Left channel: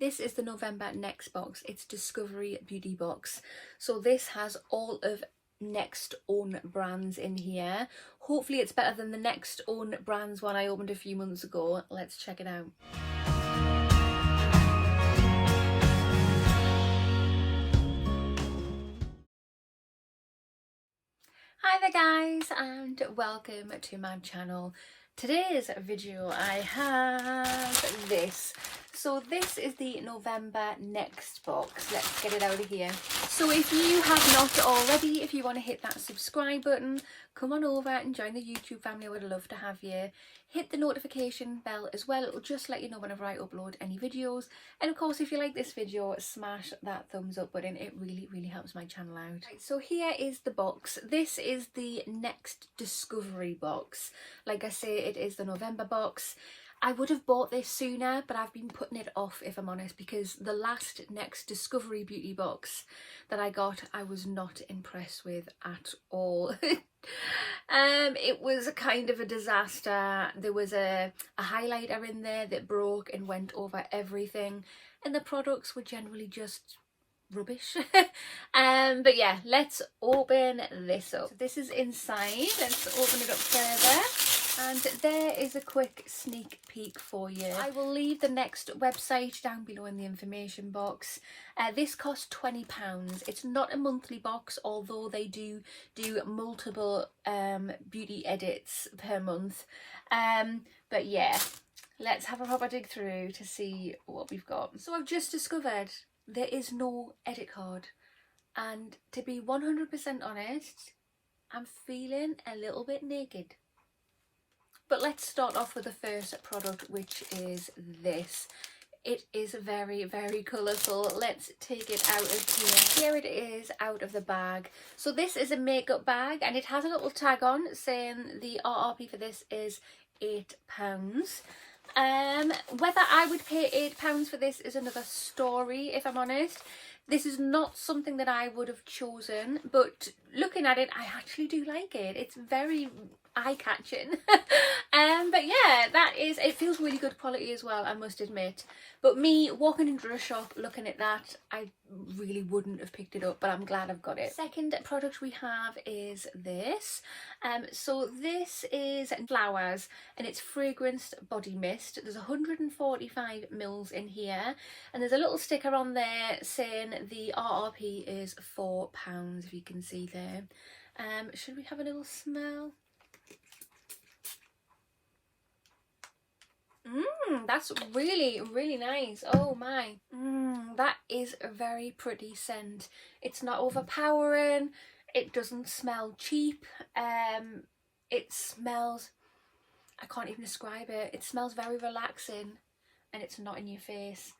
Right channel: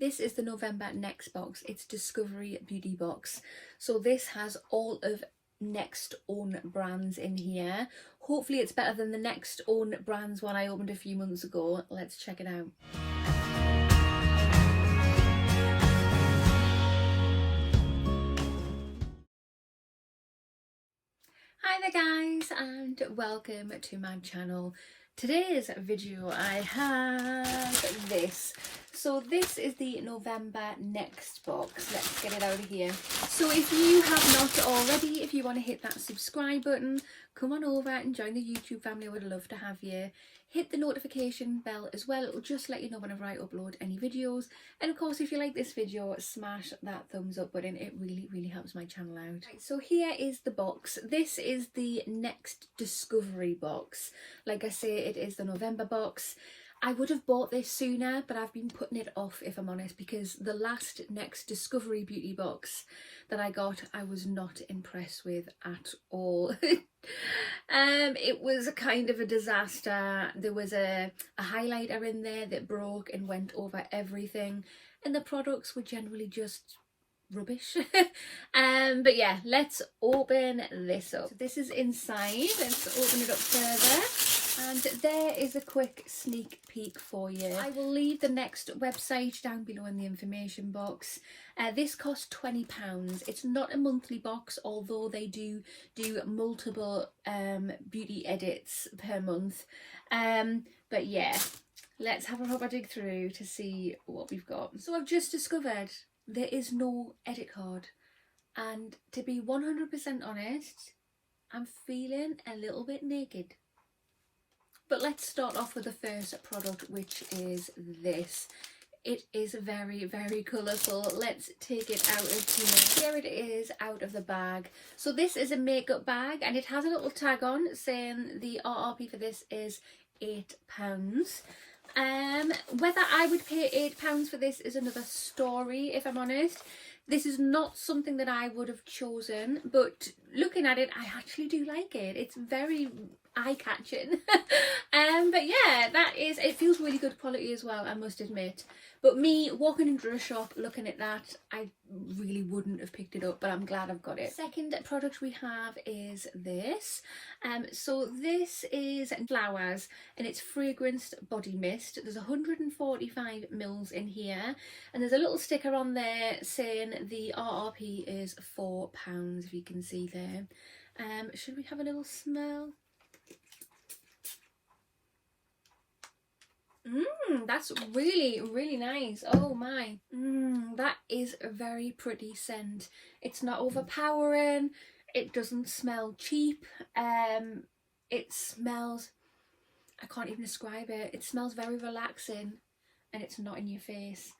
This is the November Next box. It's Discovery Beauty box. So this has all of Next own brands in here. Hopefully it's better than the Next own brands one I opened a few months ago. Let's check it out. Hi there guys, and welcome to my channel. Today's video I have this. So this is the November Next box. Let's get it out of here. So if you have not already, if you want to hit that subscribe button, come on over and join the YouTube family. I would love to have you. Hit the notification bell as well. It'll just let you know whenever I upload any videos. And of course, if you like this video, smash that thumbs up button. It really helps my channel out. Right, so here is the box. This is the Next Discovery box. Like I say, it is the November box. I would have bought this sooner, but I've been putting it off, if I'm honest, because the last Next Discovery Beauty box that I got, I was not impressed with at all. It was kind of a disaster. There was a highlighter in there that broke and went over everything, and the products were generally just rubbish. But yeah, let's open this up. So this is inside. Let's open it up further. And there is a quick sneak peek for you. I will leave the Next website down below in the information box. This costs £20. It's not a monthly box, although they do multiple beauty edits per month. But yeah, let's have a proper dig through to see what we've got. So I've just discovered there is no edit card. And to be 100% honest, I'm feeling a little bit naked. But let's start off with the first product, which is this. It is very colourful. Let's take it out of here. Here it is out of the bag. So this is a makeup bag, and it has a little tag on saying the RRP for this is £8. Whether I would pay £8 for this is another story, if I'm honest. This is not something that I would have chosen, but looking at it, I actually do like it. It's very eye-catching. But yeah, it feels really good quality as well, I must admit. But me walking into a shop looking at that, I really wouldn't have picked it up, but I'm glad I've got it. Second product we have is this. So this is Flowers, and it's fragranced body mist. There's 145 mils in here, and there's a little sticker on there saying the RRP is £4, if you can see there. Should we have a little smell? That's really nice. Oh my. That is a very pretty scent. It's not overpowering. It doesn't smell cheap. It smells, I can't even describe it. It smells very relaxing, and it's not in your face.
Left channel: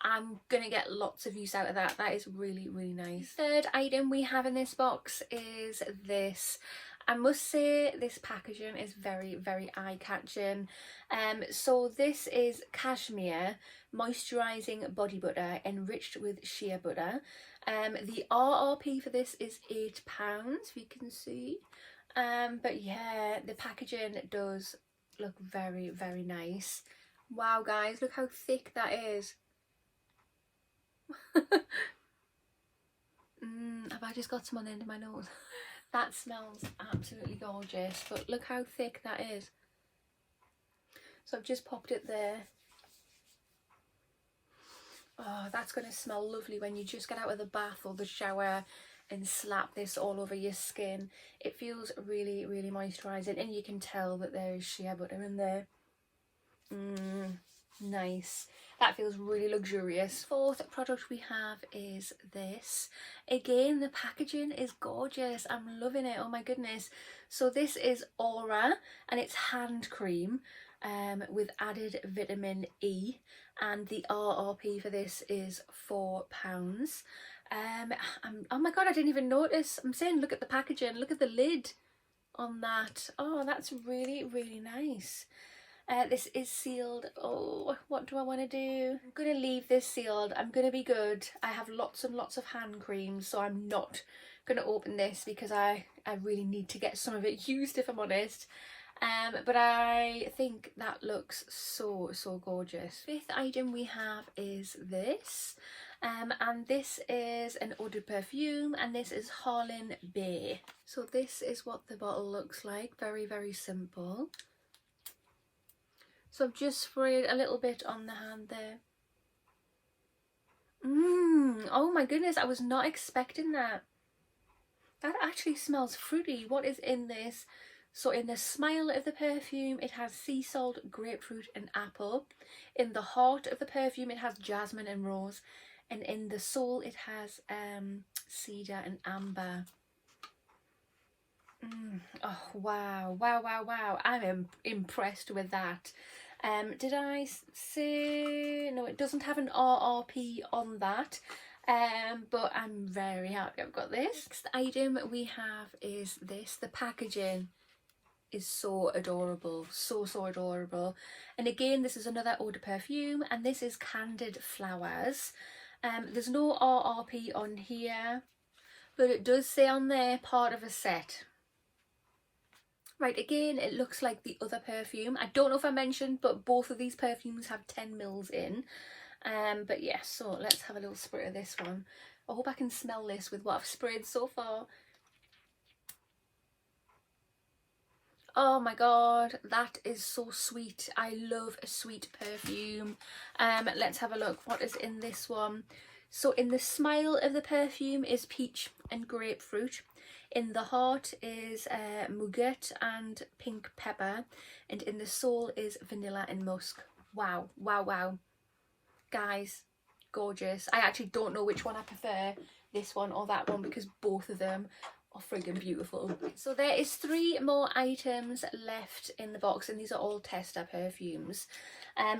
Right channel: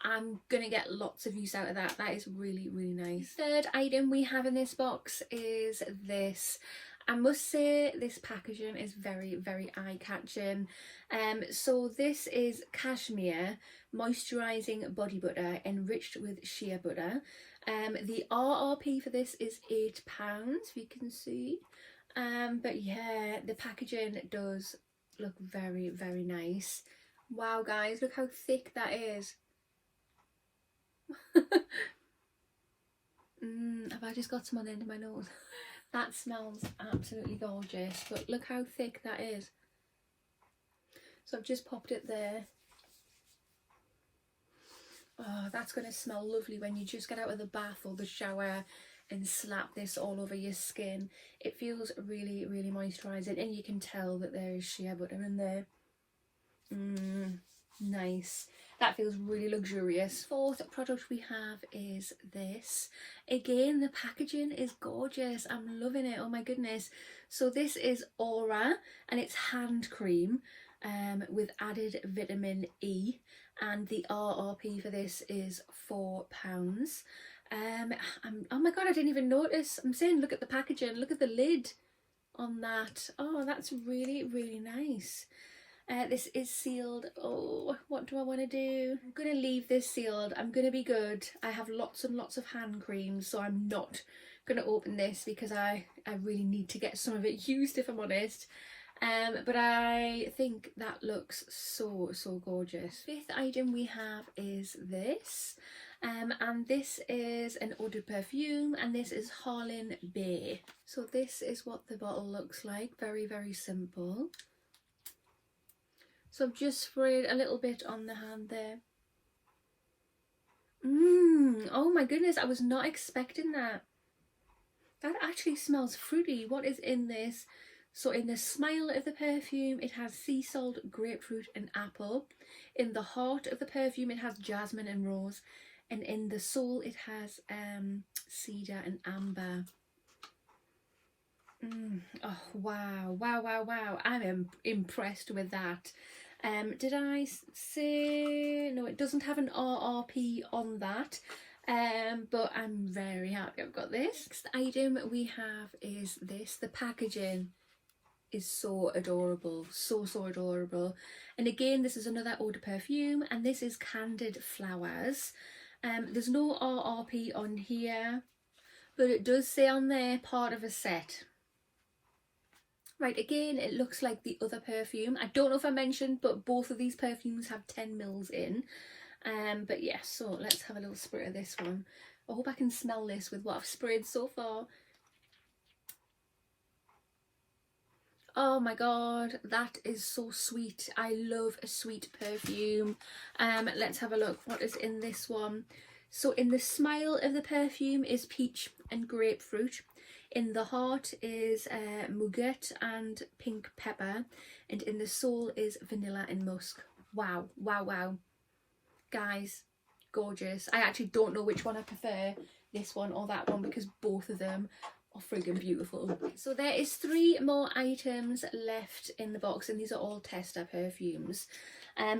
I'm gonna get lots of use out of that. That is really nice. Third item we have in this box is this. I must say this packaging is very eye-catching. So this is cashmere moisturising body butter enriched with shea butter. The RRP for this is £8, if you can see. But yeah, the packaging does look very nice. Wow guys, look how thick that is. Have I just got some on the end of my nose? That smells absolutely gorgeous, but look how thick that is. So I've just popped it there. Oh, that's going to smell lovely when you just get out of the bath or the shower and slap this all over your skin. It feels really moisturising, and you can tell that there is shea butter in there. Nice. That feels really luxurious. Fourth product we have is this. Again, the packaging is gorgeous. I'm loving it. Oh my goodness. So this is Aura, and it's hand cream with added vitamin E, and the RRP for this is £4. Oh my god, I didn't even notice. I'm saying look at the packaging, look at the lid on that. Oh, that's really nice. This is sealed. Oh, what do I want to do? I'm going to leave this sealed. I'm going to be good. I have lots and lots of hand creams, so I'm not going to open this because I really need to get some of it used, if I'm honest. but I think that looks so gorgeous. Fifth item we have is this, and this is an eau de perfume, and this is Harlin Bay. So this is what the bottle looks like, very simple. So I've just sprayed a little bit on the hand there. Oh my goodness, I was not expecting that. That actually smells fruity. What is in this? So in the smile of the perfume, it has sea salt, grapefruit and apple. In the heart of the perfume, it has jasmine and rose. And in the soul, it has cedar and amber. Oh, wow. I'm impressed with that. Did I say... No, it doesn't have an RRP on that. But I'm very happy I've got this. Next item we have is this. The packaging is so adorable, so adorable. And again, this is another eau de perfume, and this is Candied Flowers. There's no RRP on here, but it does say on there part of a set. Right, again, it looks like the other perfume. I don't know if I mentioned, but both of these perfumes have 10 mils in. But yeah, so let's have a little spray of this one. I hope I can smell this with what I've sprayed so far. Oh my god, that is so sweet. I love a sweet perfume. Let's have a look. What is in this one? So in the smile of the perfume is peach and grapefruit. In the heart is muguet and pink pepper. And in the soul is vanilla and musk. Wow. Guys, gorgeous. I actually don't know which one I prefer, this one or that one, because both of them are friggin' beautiful. So there is 3 more items left in the box, and these are all tester perfumes.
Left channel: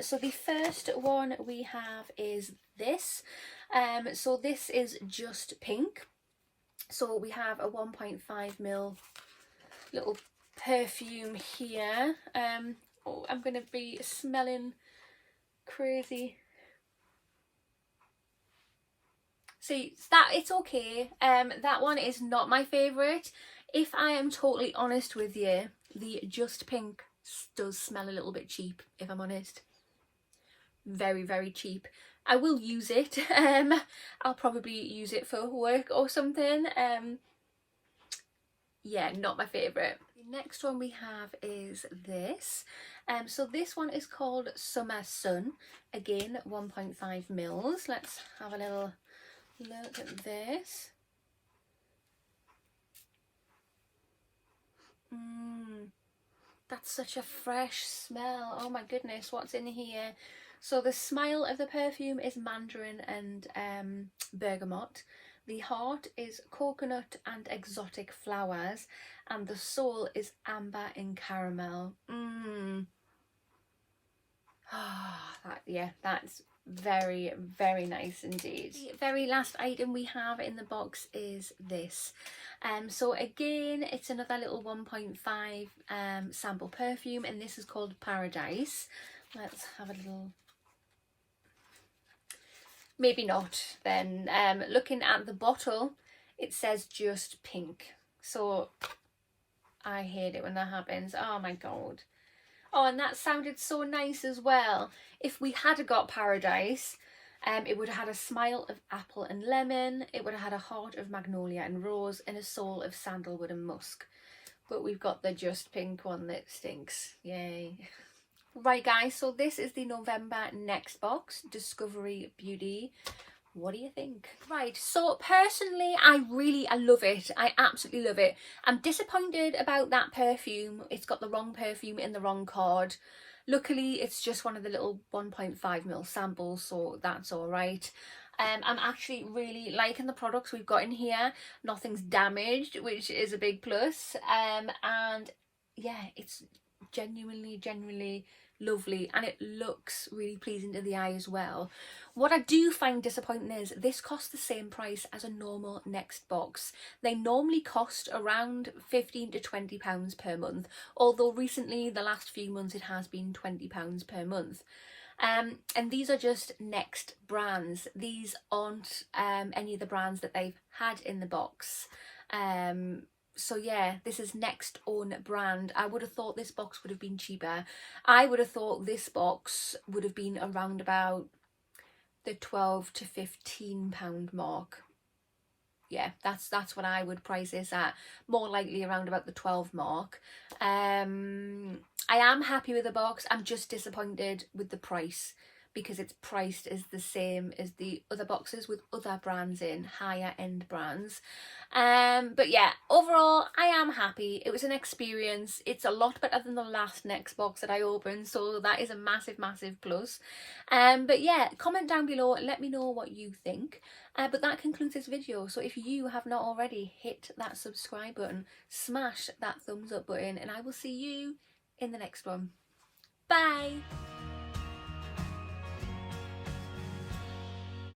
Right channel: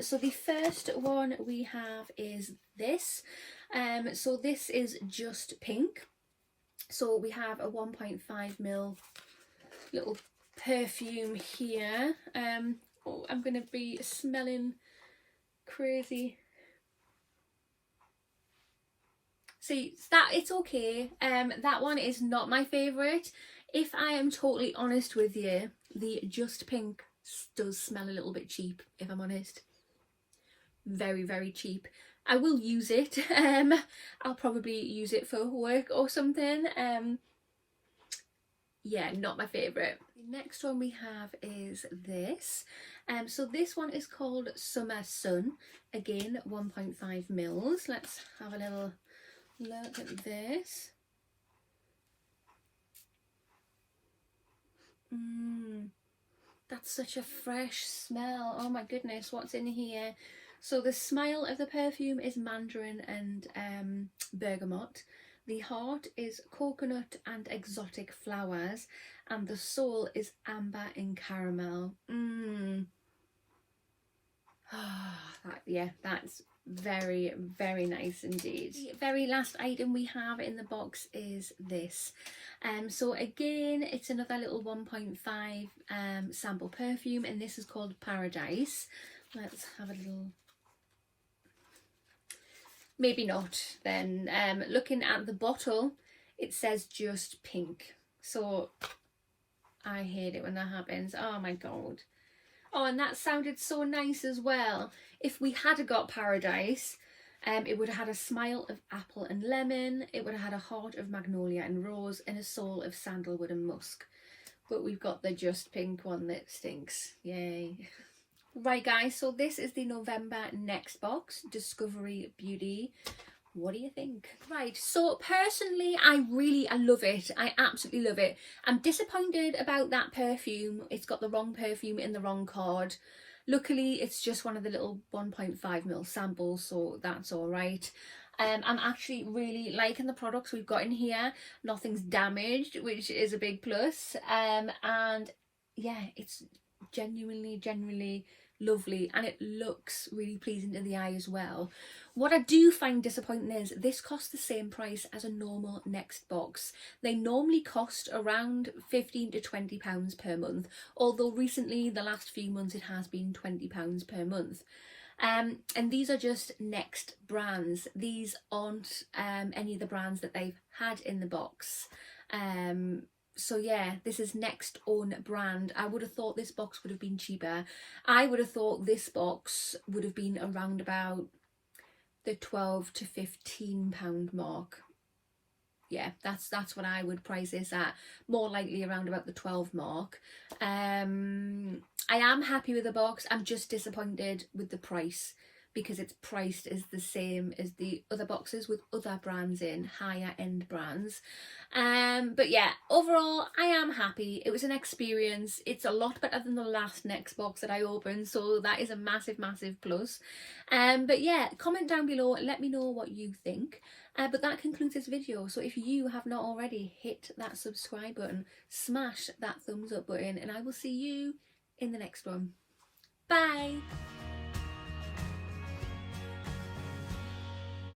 So the first one we have is this. So this is Just Pink. So we have a 1.5ml little perfume here. Oh, I'm going to be smelling crazy. See, that it's okay. That one is not my favourite. If I am totally honest with you, the Just Pink does smell a little bit cheap, if I'm honest. Very cheap. I will use it. I'll probably use it for work or something. Yeah, not my favourite. The next one we have is this. So this one is called Summer Sun. Again, 1.5 mils. Let's have a little look at this. That's such a fresh smell. Oh my goodness, what's in here? So the smile of the perfume is mandarin and bergamot. The heart is coconut and exotic flowers, and the soul is amber and caramel. That's very nice indeed. The very last item we have in the box is this. So again, it's another little 1.5 sample perfume, and this is called Paradise. Let's have a little... Maybe not then. Looking at the bottle, it says Just Pink. So I hate it when that happens. Oh my god. Oh, and that sounded so nice as well. If we had got Paradise, it would have had a smile of apple and lemon. It would have had a heart of magnolia and rose, and a soul of sandalwood and musk. But we've got the Just Pink one that stinks. Yay. Right guys, so this is the November next box, Discovery Beauty. What do you think? Right, so personally, I love it. I absolutely love it. I'm disappointed about that perfume. It's got the wrong perfume in the wrong card. Luckily, it's just one of the little 1.5ml samples, so that's all right. I'm actually really liking the products we've got in here. Nothing's damaged, which is a big plus. And yeah, it's genuinely lovely, and it looks really pleasing to the eye as well. What I do find disappointing is this costs the same price as a normal next box. They normally cost around £15 to £20 per month, although recently, the last few months, it has been £20 per month. And these are just Next brands. These aren't any of the brands that they've had in the box. So yeah, this is next own brand. I would have thought this box would have been cheaper. I would have thought this box would have been around about the £12 to £15 mark. Yeah, that's what I would price this at, more likely around about the 12 mark. I am happy with the box. I'm just disappointed with the price, because it's priced as the same as the other boxes with other brands in, higher end brands. But yeah, overall I am happy. It was an experience. It's a lot better than the last next box that I opened, so that is a massive plus. But yeah, comment down below, let me know what you think. But that concludes this video. So if you have not already, hit that subscribe button, smash that thumbs up button, and I will see you in the next one. Bye.